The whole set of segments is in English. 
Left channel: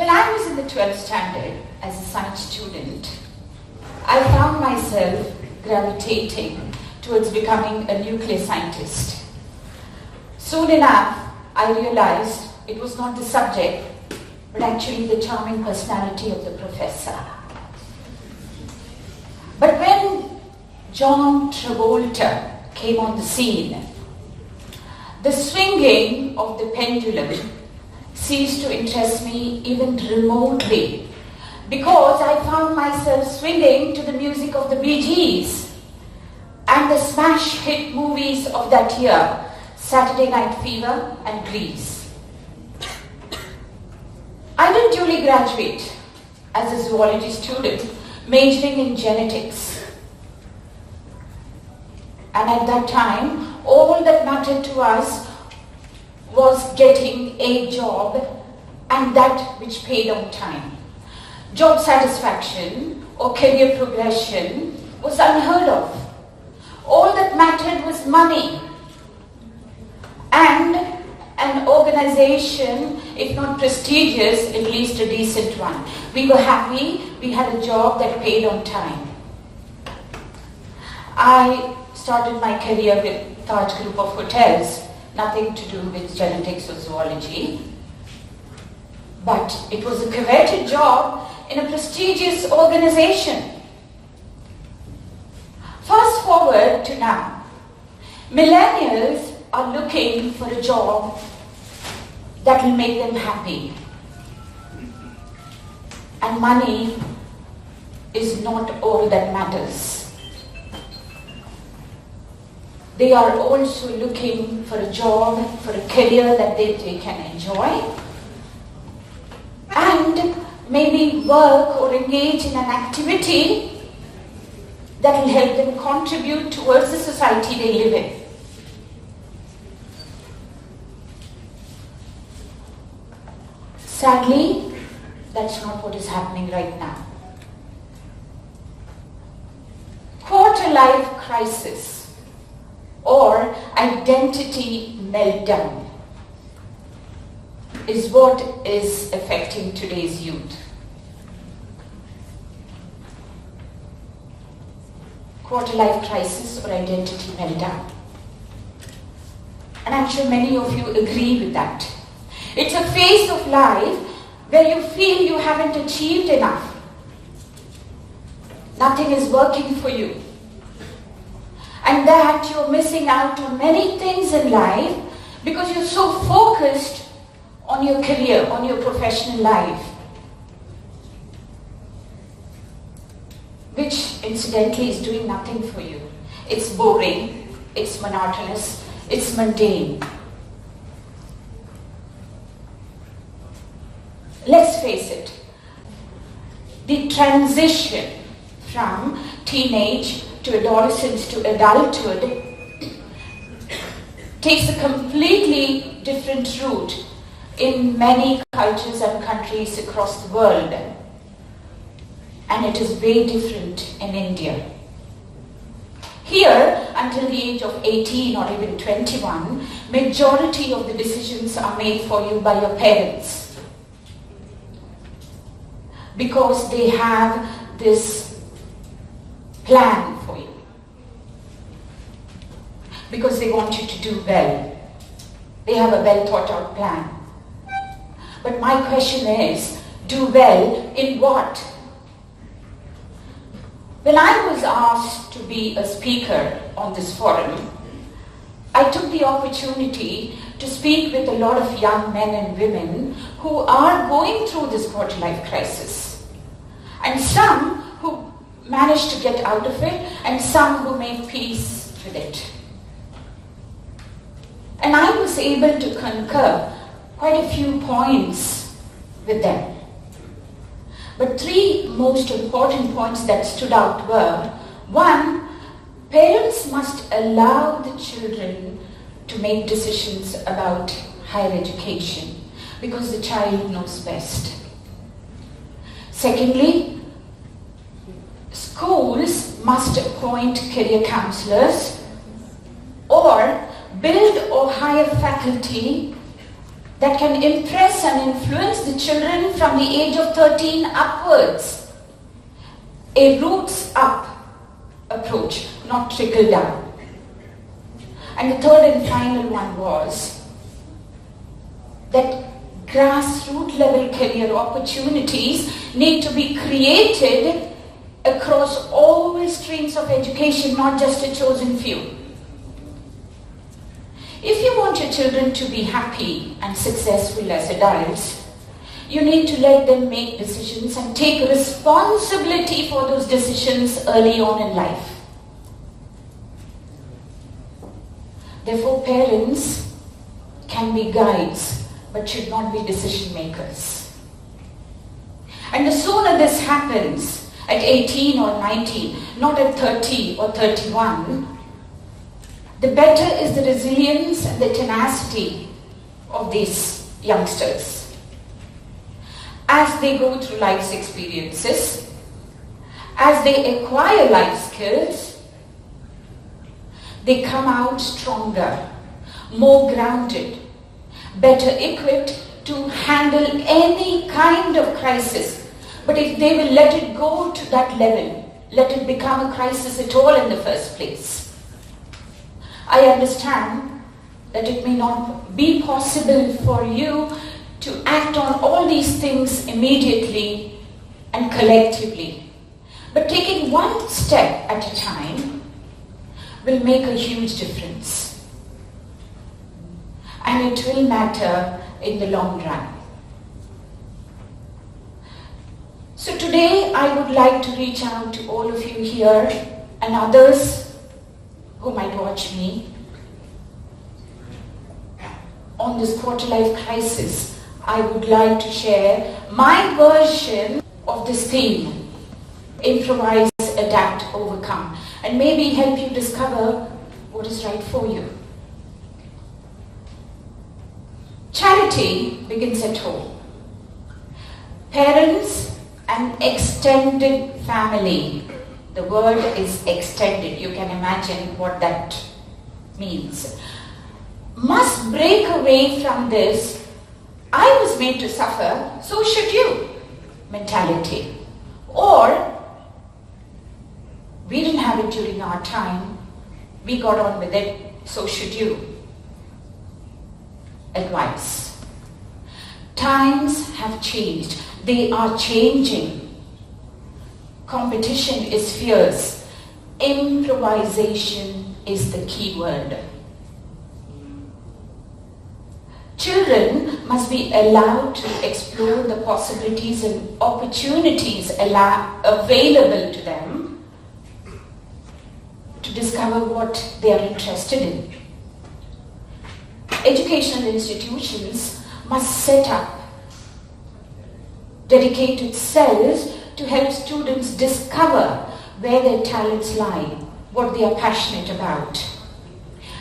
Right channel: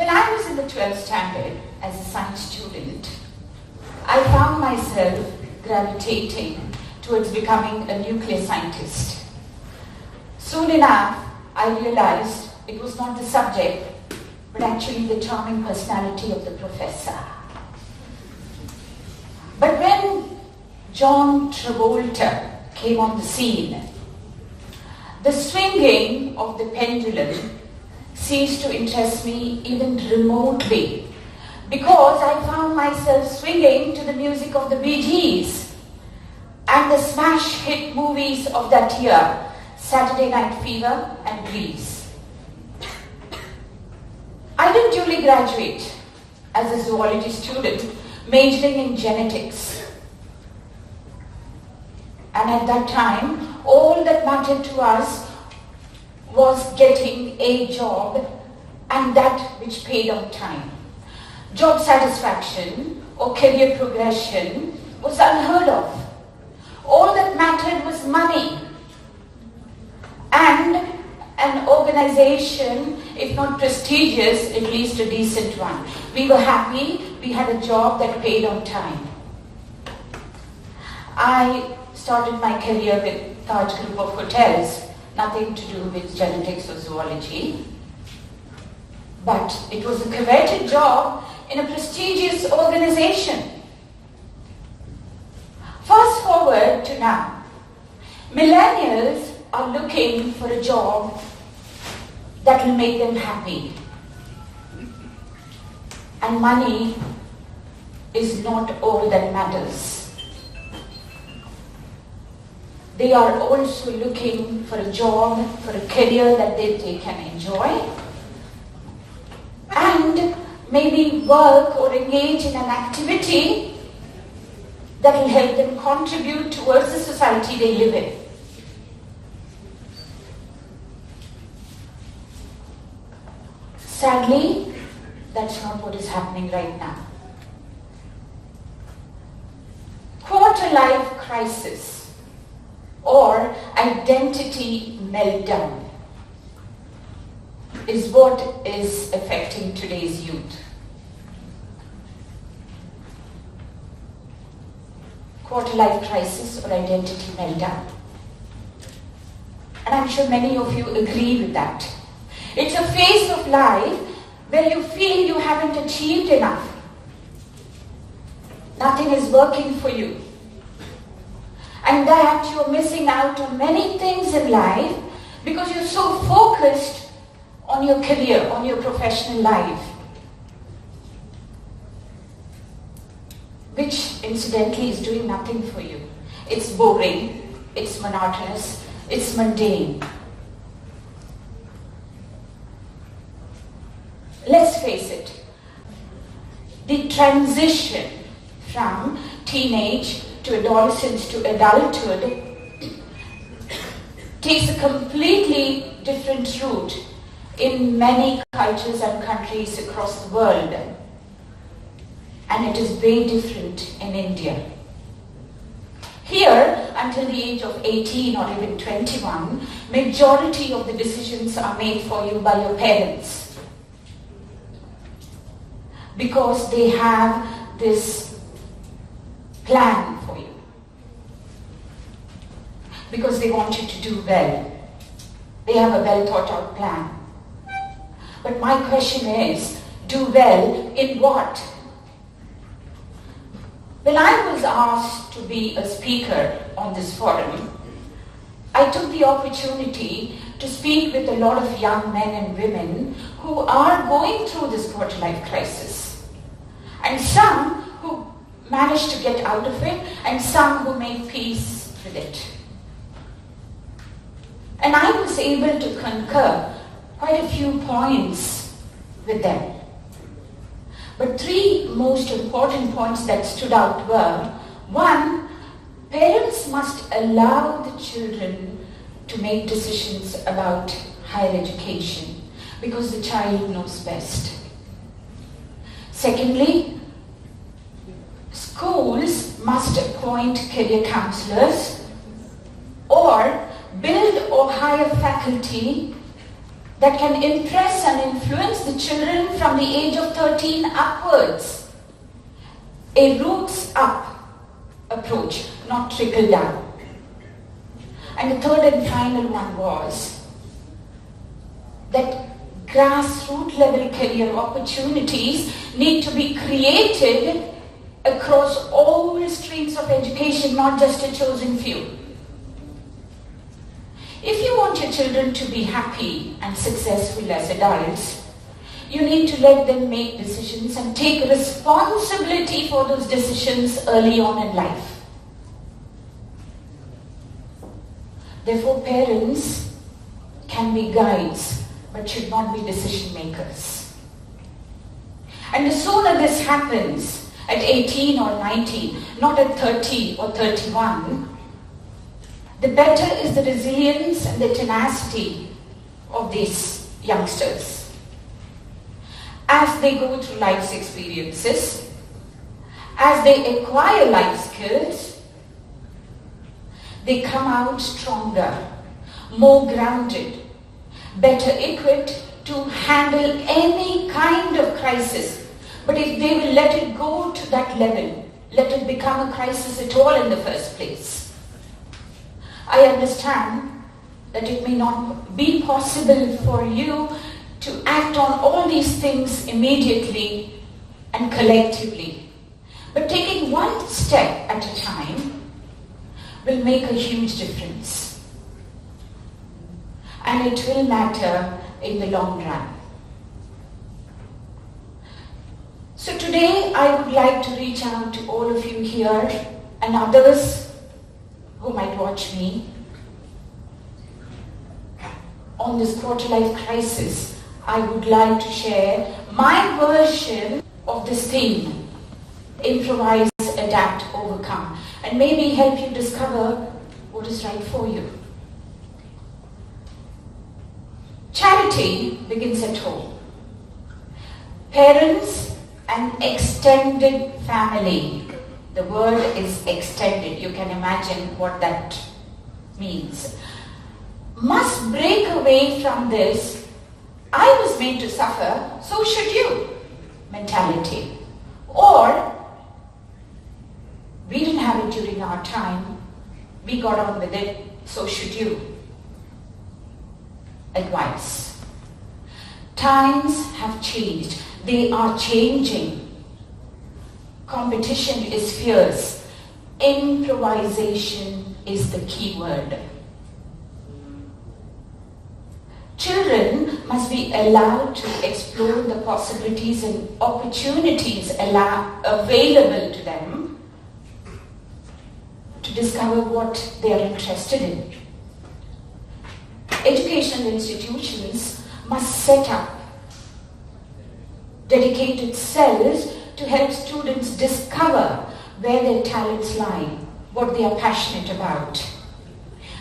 When I was in the 12th standard as a science student, I found myself gravitating towards becoming a nuclear scientist. Soon enough, I realized it was not the subject, but actually the charming personality of the professor. But when John Travolta came on the scene, the swinging of the pendulum ceased to interest me even remotely, because I found myself swinging to the music of the Bee Gees and the smash hit movies of that year, Saturday Night Fever and Grease. I didn't duly graduate as a zoology student, majoring in genetics. And at that time, all that mattered to us was getting a job, and that which paid on time. Job satisfaction or career progression was unheard of. All that mattered was money and an organization, if not prestigious, at least a decent one. We were happy, we had a job that paid on time. I started my career with Taj Group of Hotels, nothing to do with genetics or zoology, but it was a coveted job in a prestigious organization. Fast forward to now. Millennials are looking for a job that will make them happy. And money is not all that matters. They are also looking for a job, for a career that they can enjoy, and maybe work or engage in an activity that will help them contribute towards the society they live in. Sadly, that's not what is happening right now. Quarter-life crisis or identity meltdown is what is affecting today's youth. Quarter-life crisis or identity meltdown. And I'm sure many of you agree with that. It's a phase of life where you feel you haven't achieved enough. Nothing is working for you. And that you're missing out on many things in life because you're so focused on your career, on your professional life. Which incidentally is doing nothing for you. It's boring, it's monotonous, it's mundane. Let's face it, the transition from teenage to adolescence to adulthood takes a completely different route in many cultures and countries across the world. And it is very different in India. Here, until the age of 18 or even 21, majority of the decisions are made for you by your parents, because they have this plan for you, because they want you to do well. They have a well thought out plan. But my question is, do well in what? When I was asked to be a speaker on this forum, I took the opportunity to speak with a lot of young men and women who are going through this quarter-life crisis. And some who managed to get out of it, and some who made peace with it. And I was able to concur quite a few points with them. But three most important points that stood out were, one, parents must allow the children to make decisions about higher education because the child knows best. Secondly, schools must appoint career counselors or build or hire faculty that can impress and influence the children from the age of 13 upwards. A roots up approach, not trickle down. And the third and final one was that grassroots level career opportunities need to be created across all streams of education, not just a chosen few. If you want your children to be happy and successful as adults, you need to let them make decisions and take responsibility for those decisions early on in life. Therefore, parents can be guides, but should not be decision makers. And the sooner this happens, at 18 or 19, not at 30 or 31, the better is the resilience and the tenacity of these youngsters. As they go through life's experiences, as they acquire life skills, they come out stronger, more grounded, better equipped to handle any kind of crisis. But if they will let it go to that level, let it become a crisis at all in the first place. I understand that it may not be possible for you to act on all these things immediately and collectively. But taking one step at a time will make a huge difference. And it will matter in the long run. So today I would like to reach out to all of you here and others who might watch me. On this quarter-life crisis, I would like to share my version of this theme, improvise, adapt, overcome, and maybe help you discover what is right for you. Charity begins at home. Parents and extended family. The word is extended. You can imagine what that means. Must break away from this "I was made to suffer, so should you" mentality. Or, we didn't have it during our time, we got on with it, so should you advice. Times have changed. They are changing. Competition is fierce. Improvisation is the key word. Children must be allowed to explore the possibilities and opportunities available to them to discover what they are interested in. Educational institutions must set up dedicated cells to help students discover where their talents lie, what they are passionate about.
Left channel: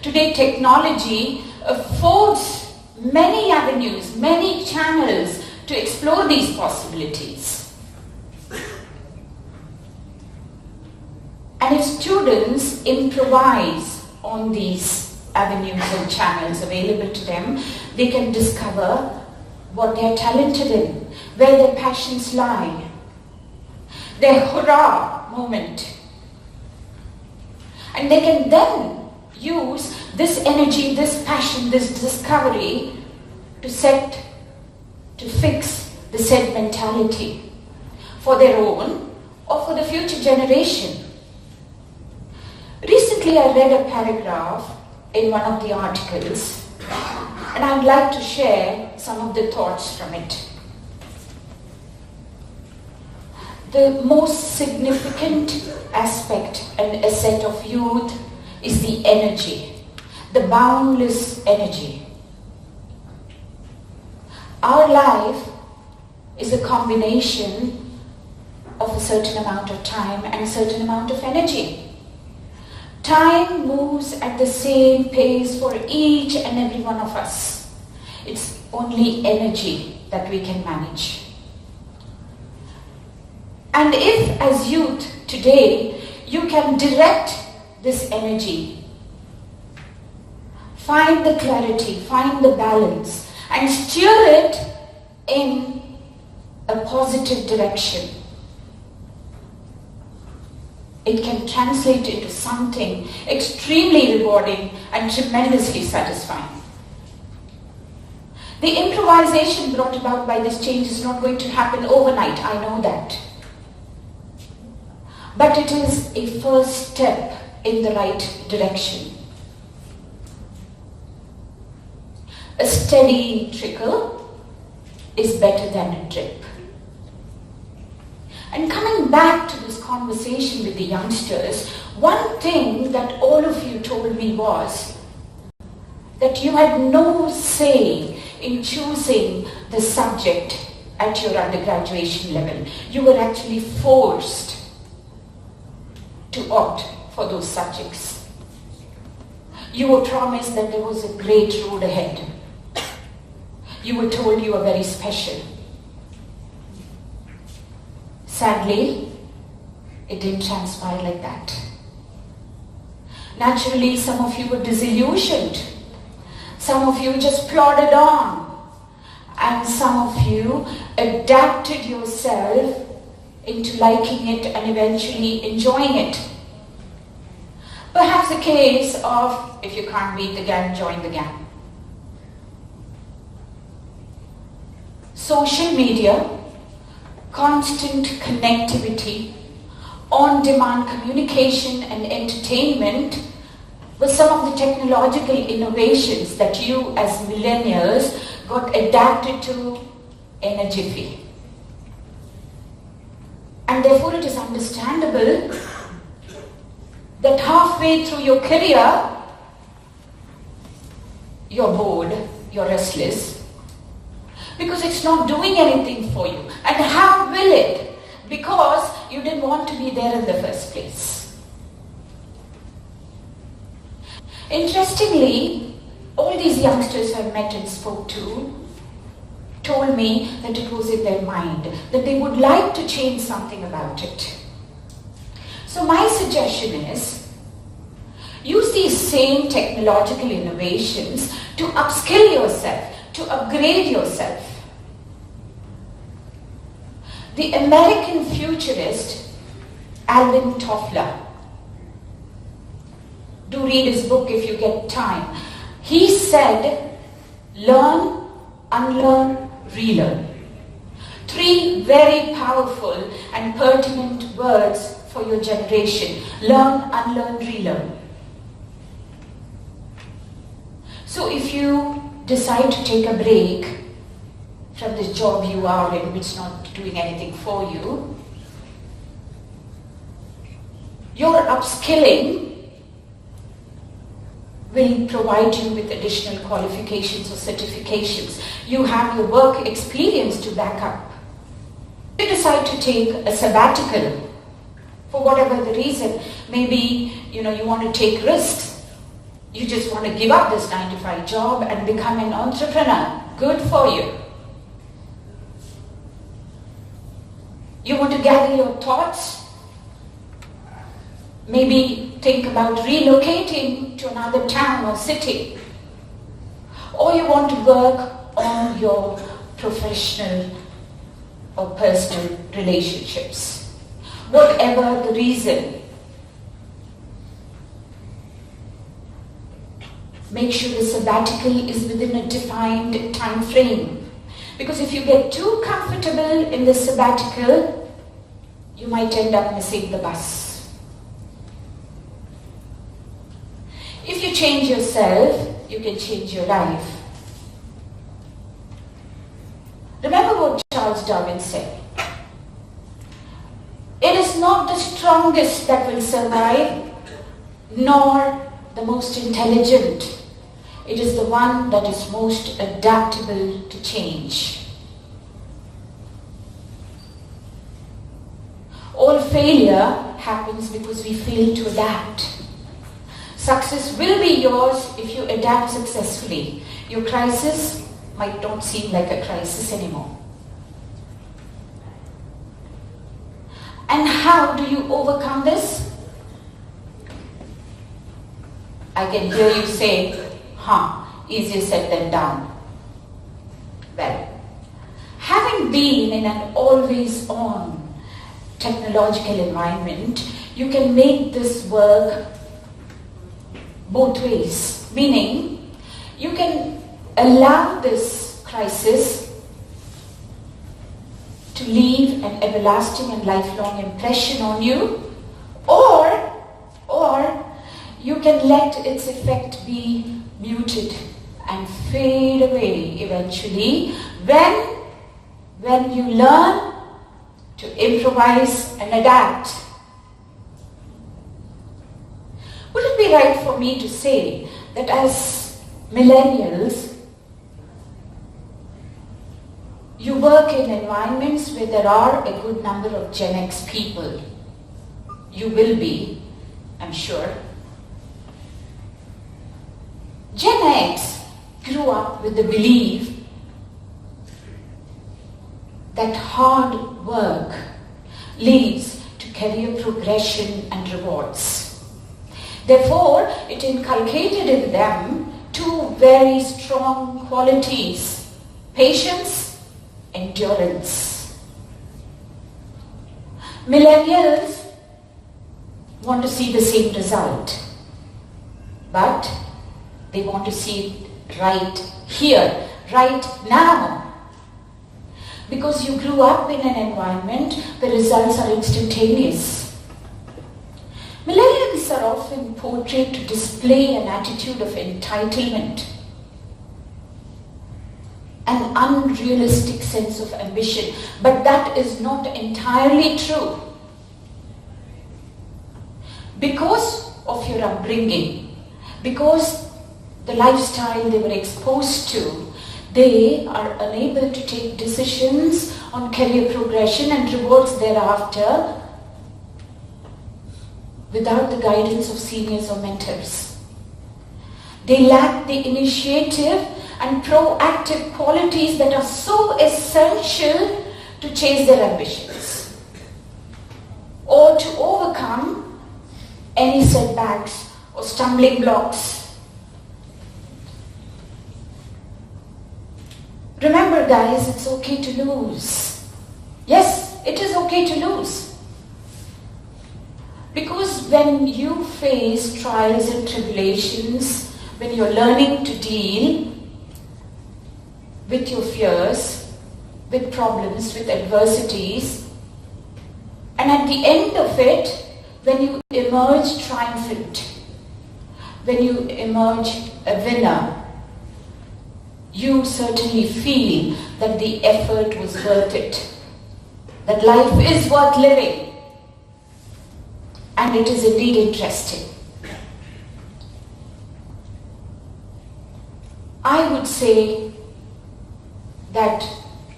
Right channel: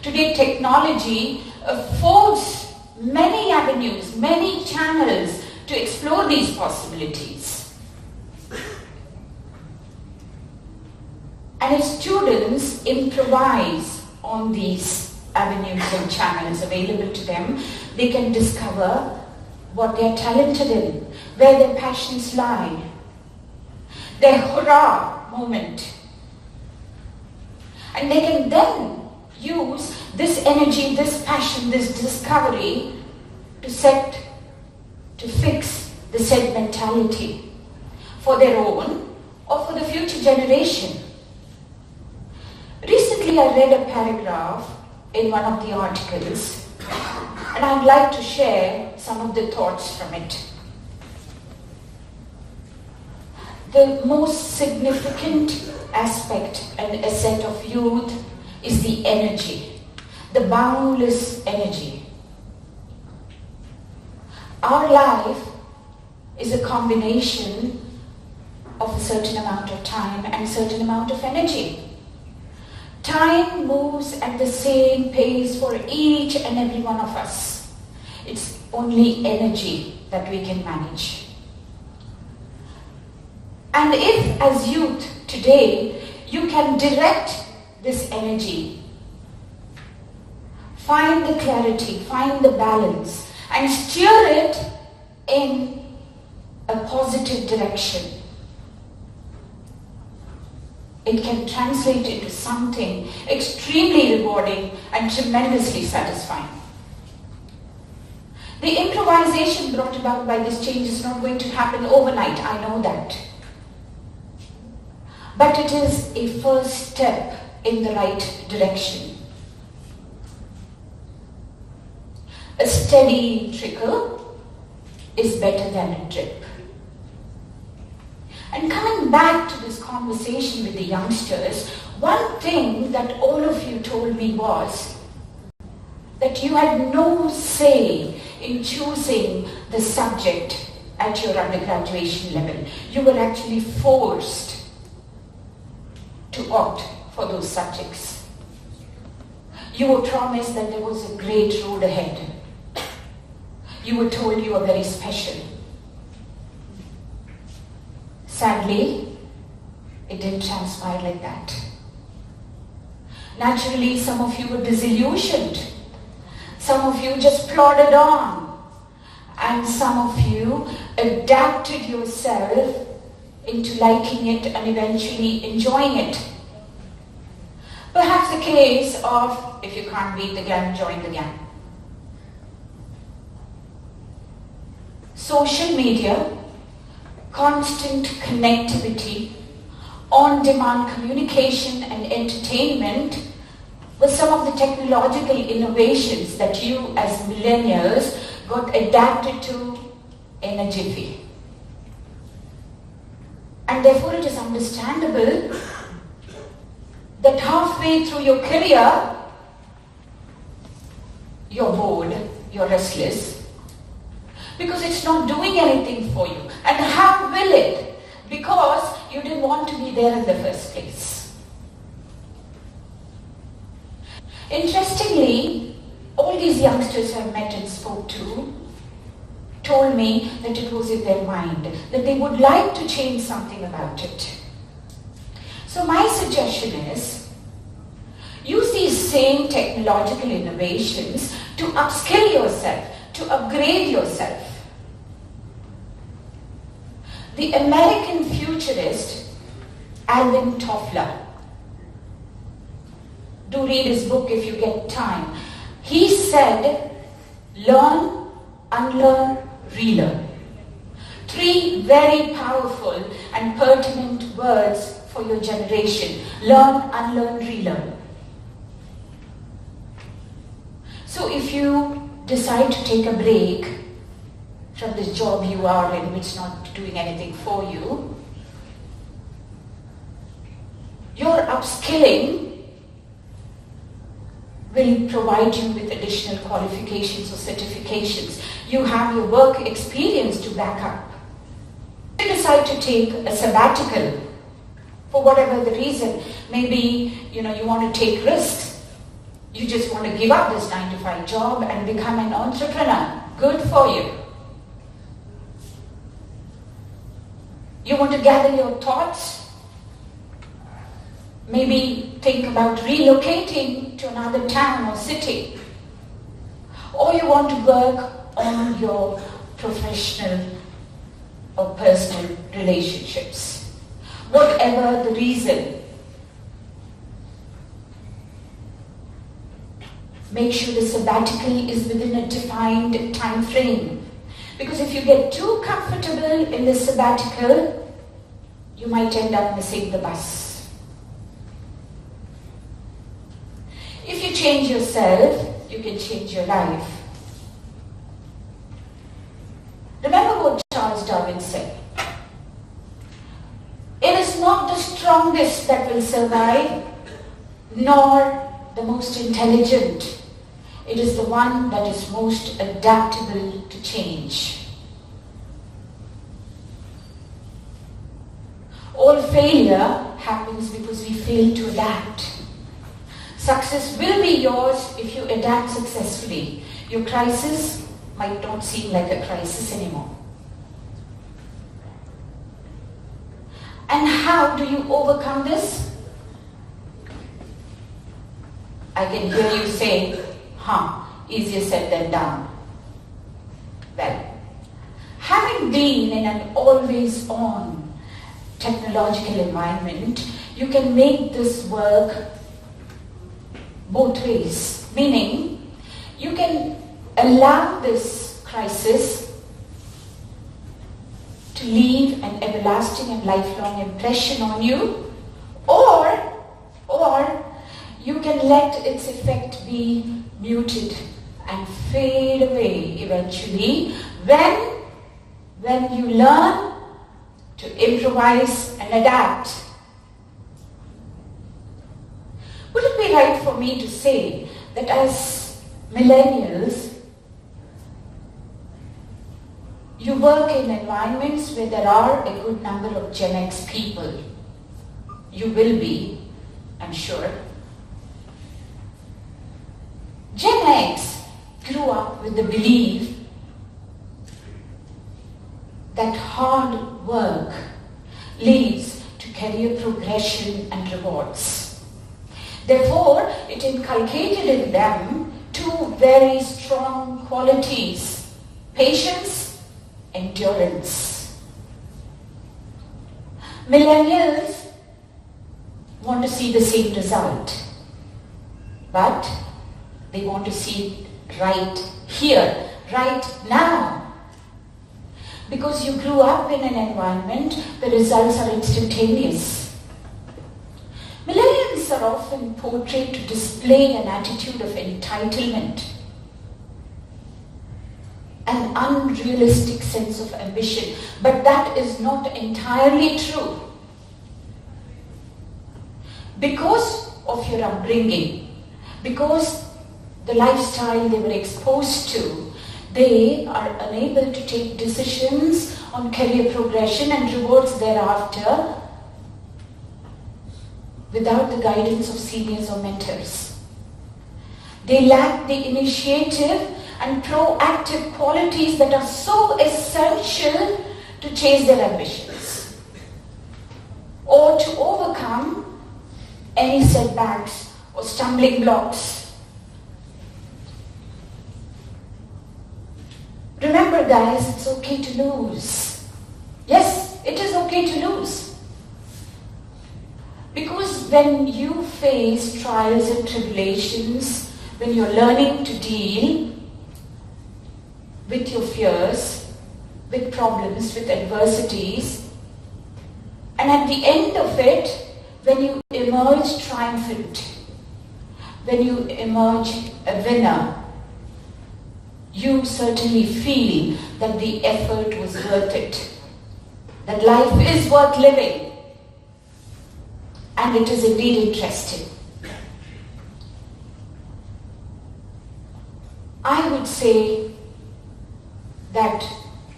Today, technology affords many avenues, many channels to explore these possibilities. And if students improvise on these avenues and channels available to them, they can discover what they are talented in, where their passions lie, their hurrah moment. And they can then use this energy, this passion, this discovery to fix the said mentality for their own or for the future generation. Recently I read a paragraph in one of the articles, and I'd like to share some of the thoughts from it. The most significant aspect and asset of youth is the energy, the boundless energy. Our life is a combination of a certain amount of time and a certain amount of energy. Time moves at the same pace for each and every one of us. It's only energy that we can manage. And if as youth today you can direct this energy, find the clarity, find the balance, and steer it in a positive direction, it can translate into something extremely rewarding and tremendously satisfying. The improvisation brought about by this change is not going to happen overnight, I know that. But it is a first step in the right direction. A steady trickle is better than a drip. And coming back to this conversation with the youngsters, one thing that all of you told me was that you had no say in choosing the subject at your undergraduation level. You were actually forced to opt for those subjects. You were promised that there was a great road ahead. You were told you were very special. Sadly, it didn't transpire like that. Naturally, some of you were disillusioned. Some of you just plodded on. And some of you adapted yourself into liking it and eventually enjoying it. Perhaps a case of, if you can't beat the gang, join the gang. Social media, constant connectivity, on-demand communication and entertainment were some of the technological innovations that you as millennials got adapted to in a jiffy. And therefore it is understandable that halfway through your career, you're bored, you're restless, because it's not doing anything for you. And how will it? Because you didn't want to be there in the first place. Interestingly, all these youngsters I've met and spoke to told me that it was in their mind, that they would like to change something about it. So my suggestion is, use these same technological innovations to upskill yourself, to upgrade yourself. The American futurist Alvin Toffler, do read his book if you get time. He said, learn, unlearn, relearn. 3 very powerful and pertinent words for your generation. Learn, unlearn, relearn. So if you decide to take a break from this job you are in, which is not doing anything for you, your upskilling will provide you with additional qualifications or certifications. You have your work experience to back up. If you decide to take a sabbatical, for whatever the reason, maybe you want to take risks. You just want to give up this 9-to-5 job and become an entrepreneur. Good for you. You want to gather your thoughts, maybe think about relocating to another town or city, or you want to work on your professional or personal relationships. Whatever the reason, make sure the sabbatical is within a defined time frame. Because if you get too comfortable in the sabbatical, you might end up missing the bus. If you change yourself, you can change your life. Remember what Charles Darwin said. It is not the strongest that will survive, nor the most intelligent. It is the one that is most adaptable to change. All failure happens because we fail to adapt. Success will be yours if you adapt successfully. Your crisis might not seem like a crisis anymore. And how do you overcome this? I can hear you say, easier said than done. Well, having been in an always-on technological environment, you can make this work both ways. Meaning, you can allow this crisis to leave an everlasting and lifelong impression on you, or you can let its effect be muted and fade away eventually when you learn to improvise and adapt. Would it be right for me to say that as millennials, you work in environments where there are a good number of Gen X people? You will be, I'm sure. Gen X grew up with the belief that hard work leads to career progression and rewards. Therefore, it inculcated in them two very strong qualities: patience, endurance. Millennials want to see the same result, but they want to see it right here, right now. Because you grew up in an environment where results are instantaneous. Millennials are often portrayed to display an attitude of entitlement, an unrealistic sense of ambition, but that is not entirely true. Because of your upbringing, because the lifestyle they were exposed to, they are unable to take decisions on career progression and rewards thereafter without the guidance of seniors or mentors. They lack the initiative and proactive qualities that are so essential to chase their ambitions or to overcome any setbacks or stumbling blocks. Remember, guys, it's okay to lose. Yes, it is okay to lose. Because when you face trials and tribulations, when you're learning to deal with your fears, with problems, with adversities, and at the end of it, when you emerge triumphant, when you emerge a winner, you certainly feel that the effort was worth it, that life is worth living, and it is indeed interesting. I would say that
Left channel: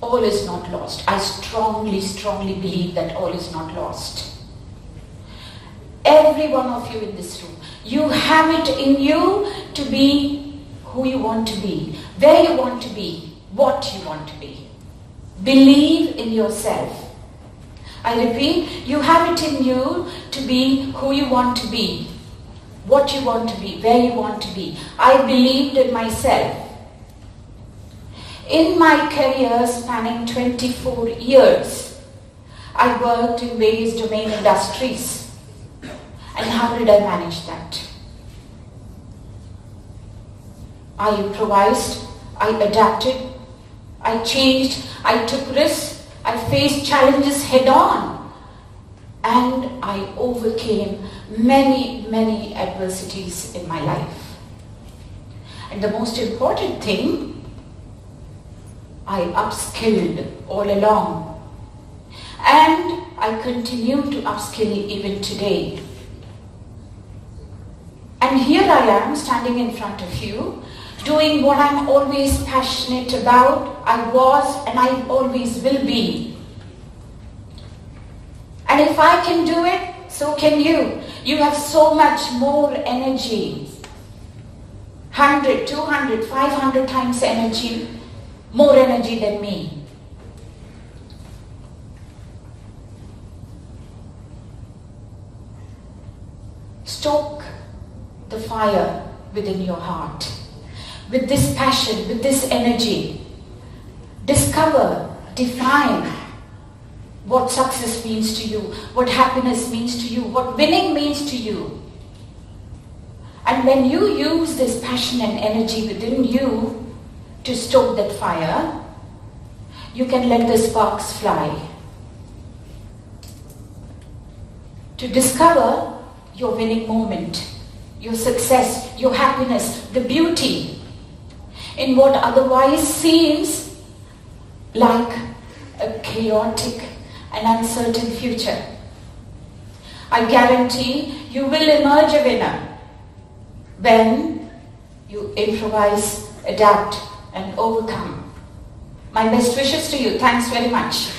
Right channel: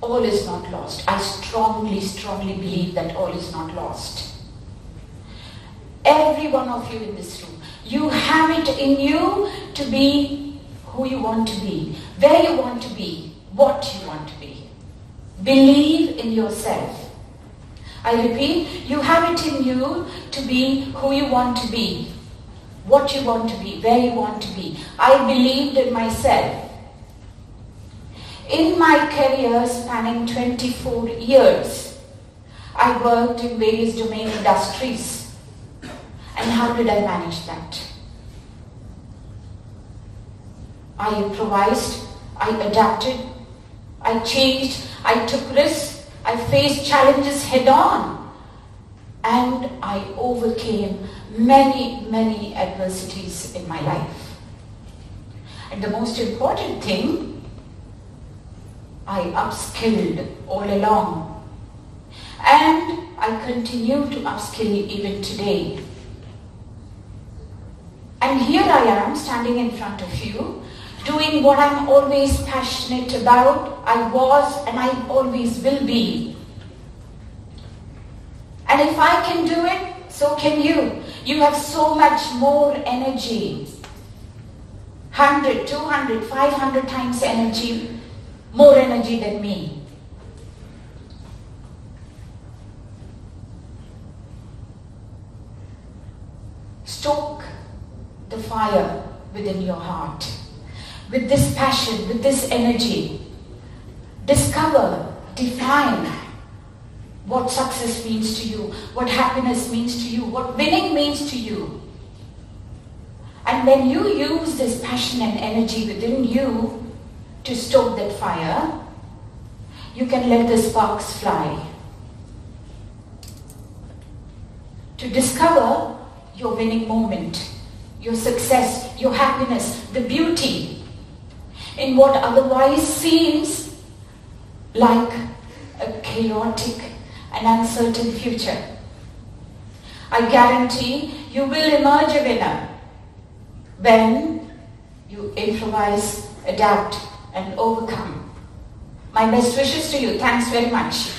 all is not lost. I strongly believe that all is not lost. Every one of you in this room, you have it in you to be who you want to be, where you want to be, what you want to be. Believe in yourself. I repeat, you have it in you to be who you want to be, what you want to be, where you want to be. I believed in myself. In my career spanning 24 years, I worked in various domain industries. And how did I manage that? I improvised, I adapted, I changed, I took risks, I faced challenges head on, and I overcame many adversities in my life. And the most important thing, I upskilled all along. And I continue to upskill even today. And here I am standing in front of you, doing what I'm always passionate about. I was and I always will be. And if I can do it, so can you. You have so much more energy. 100, 200, 500 times energy, more energy than me. Stoke the fire within your heart. With this passion, with this energy, Discover, define what success means to you, what happiness means to you, what winning means to you. And when you use this passion and energy within you to stoke that fire, you can let the sparks fly. To discover your winning moment, your success, your happiness, the beauty in what otherwise seems like a chaotic and uncertain future. I guarantee you will emerge a winner when you improvise, adapt, and overcome. My best wishes to you. Thanks very much.